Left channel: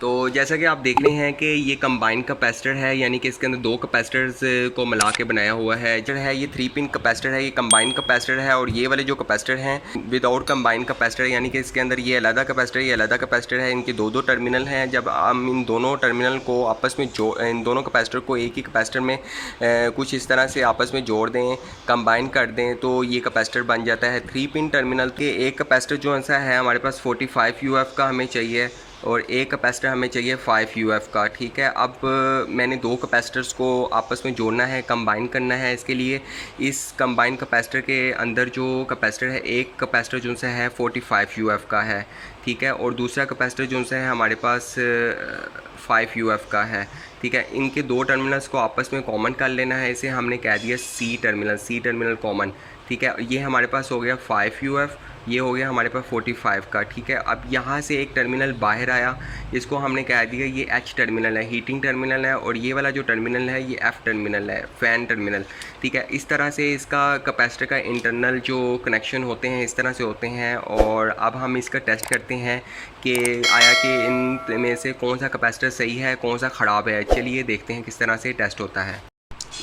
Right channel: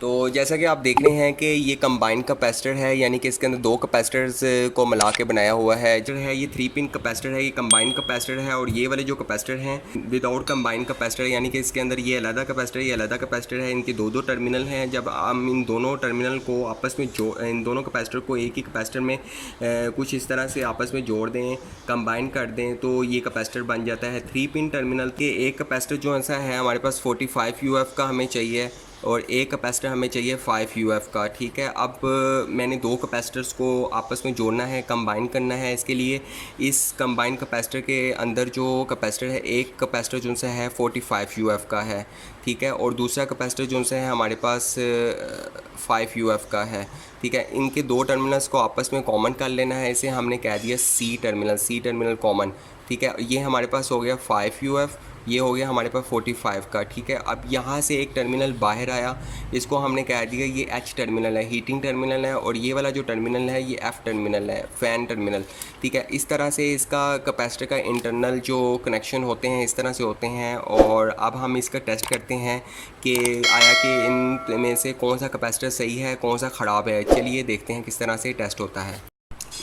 तो जैसा कि आप देख रहे हैं कि ये कंबाइंड कैपेसिटर है, यानी कि इसके अंदर दो कैपेसिटर्स को मिला के बनाया हुआ है। जो है ये 3 पिन कैपेसिटर है, ये कंबाइंड कैपेसिटर है। और ये वाले जो कैपेसिटर हैं विदाउट कंबाइंड कैपेसिटर, यानी कि इसके अंदर ये अलग कैपेसिटर, ये अलग कैपेसिटर है। इनके दो दो टर्मिनल हैं। जब हम इन दोनों टर्मिनल को आपस में इन दोनों कैपेसिटर को एक ही कैपेसिटर में कुछ इस तरह से आपस में जोड़ दें, कंबाइन कर दें, तो ये कैपेसिटर बन जाता है। 3 पिन टर्मिनल के एक कैपेसिटर जो ऐसा है हमारे पास 45 UF का हमें चाहिए, और एक कैपेसिटर हमें चाहिए 5 UF का। ठीक है, अब मैंने दो कैपेसिटर्स को आपस में जोड़ना है, कंबाइन करना है। इसके लिए इस कंबाइन कैपेसिटर के अंदर जो कैपेसिटर है, एक कैपेसिटर जो से है 45 UF का है। ठीक है, और दूसरा कैपेसिटर जो से है हमारे पास 5 UF का है। ठीक है, इनके दो टर्मिनल्स को आपस में कॉमन कर लेना है। इसे हमने कह दिया सी टर्मिनल कॉमन। ठीक है, ये हमारे पास हो गया 5 UF, ये हो गया हमारे पास 45 का। ठीक है, अब यहाँ से एक टर्मिनल बाहर आया, इसको हमने कह दिया ये एच टर्मिनल है, हीटिंग टर्मिनल है। और ये वाला जो टर्मिनल है ये एफ़ टर्मिनल है, फ़ैन टर्मिनल। ठीक है, इस तरह से इसका कैपेसिटर का इंटरनल जो कनेक्शन होते हैं इस तरह से होते हैं। और अब हम इसका टेस्ट करते हैं कि आया कि इन में से कौन सा कैपेसिटर सही है, कौन सा ख़राब है। चलिए देखते हैं किस तरह से टेस्ट होता है।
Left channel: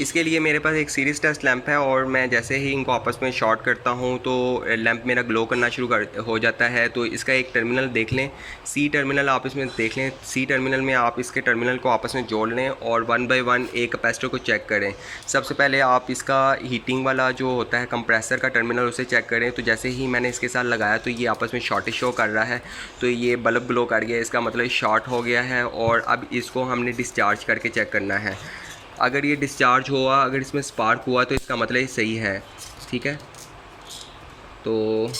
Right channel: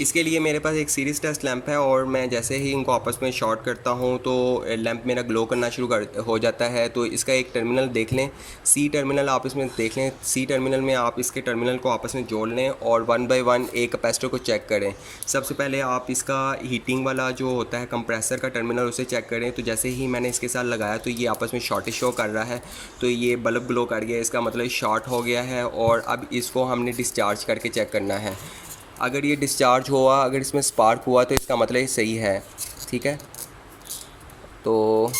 इसके लिए मेरे पास एक सीरीज़ टेस्ट लैंप है, और मैं जैसे ही इनको आपस में शॉर्ट करता हूँ तो लैंप मेरा ग्लो करना शुरू कर हो जाता है। तो इसका एक टर्मिनल देख लें, सी टर्मिनल आप इसमें देख लें। सी टर्मिनल में आप इसके टर्मिनल को आपस में जोड़ लें और 1 बाय 1 एक कैपेसिटर को चेक करें। सबसे पहले आप इसका हीटिंग वाला जो होता है कंप्रेसर का टर्मिनल, उसे चेक करें। तो जैसे ही मैंने इसके साथ लगाया तो ये आपस में शॉर्टेज शो कर रहा है, तो ये बल्ब ग्लो कर गया, इसका मतलब शॉर्ट हो गया है। और अब इसको हमने डिस्चार्ज करके चेक करना है। अगर ये डिस्चार्ज हुआ, अगर इसमें स्पार्क हुआ, तो इसका मतलब ये सही है। ठीक है, तो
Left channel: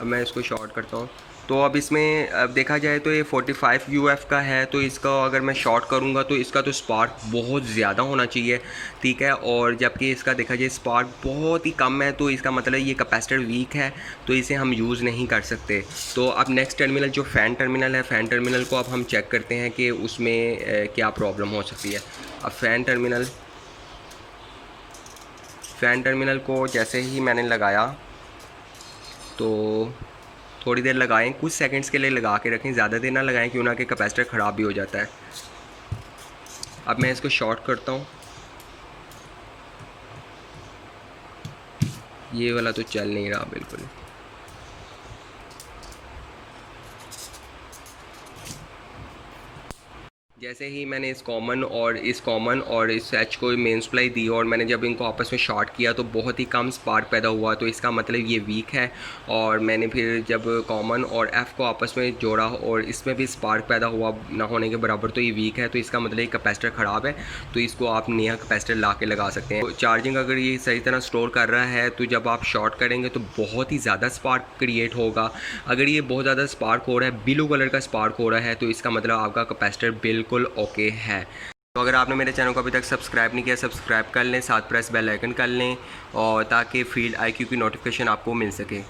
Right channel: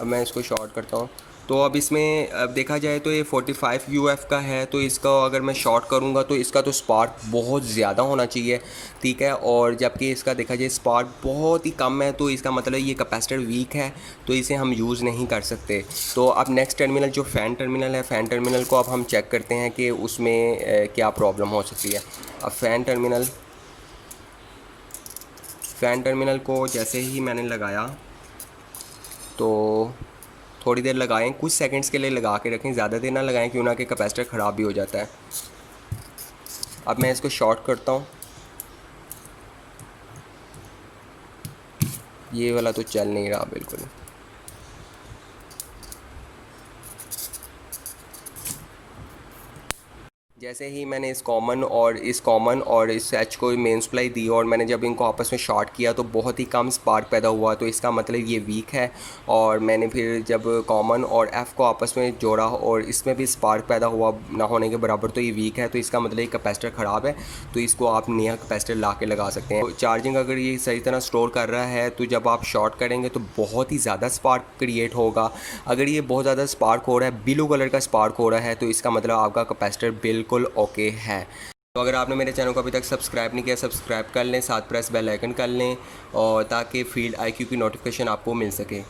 अब मैं इसको शॉर्ट करता हूँ। तो अब इसमें अब देखा जाए तो ये 45 UF का है, तो इसका अगर मैं शॉर्ट करूँगा तो इसका तो स्पार्क बहुत ज़्यादा होना चाहिए। ठीक है, और जबकि इसका देखा जाए स्पार्क बहुत ही कम है, तो इसका मतलब ये कैपेसिटर वीक है, तो इसे हम यूज़ नहीं कर सकते। तो अब नेक्स्ट टर्मिनल जो फ़ैन टर्मिनल है, फ़ैन टर्मिनल को अब हम चेक करते हैं कि उसमें क्या प्रॉब्लम हो सकती है। अब फ़ैन टर्मिनल को जैसे ही मैंने लगाया तो थोड़ी देर लगाएं, कुछ सेकंड्स के लिए लगा के रखें, ज़्यादा देर ना लगाएं, क्यों ना कि कैपेसिटर ख़राब भी हो जाता है। अब मैं इसको शॉर्ट करता हूँ। ये वाला तो चल नहीं रहा बिल्कुल। जैसे ही मैंने इस कॉमन और इस एच को मेन सप्लाई दी, और मैंने जब इनको आपस में शॉर्ट किया तो बहुत ही कम स्पार्क पैदा हुआ, तो इसका मतलब ये वीक है। और मैंने फिर जब कॉमन और एफ़ को आपस में जोड़ा और इसमें भी स्पार्क पैदा हुआ ना होने के बराबर, तो ये वीक है। तो इसका मतलब ये कैपेसिटर ख़राब है, तो इसको आप नया कैपेसिटर ला के लगा सकते हैं। तो चार्जिंग अगर ये सही तरह स्टोर कर रहा है तो जब आप शॉर्ट करेंगे तो बहुत ही ज़्यादा स्पार्क क्रिएट होगा। अगर ये बहुत ज़्यादा स्पार्क हो रहा है, ब्लू कलर का स्पार्क हो रहा है, तो इसका मतलब आपका कैपेसिटर बिल्कुल ओके है। तो अगर आपने मेरे चैनल को अभी तक सब्सक्राइब नहीं किया, सब्सक्राइब कर लें, साथ प्रेस बेल आइकन कर लें, और ताकि फील्ड IQ की नोटिफिकेशन आपको मिल सके।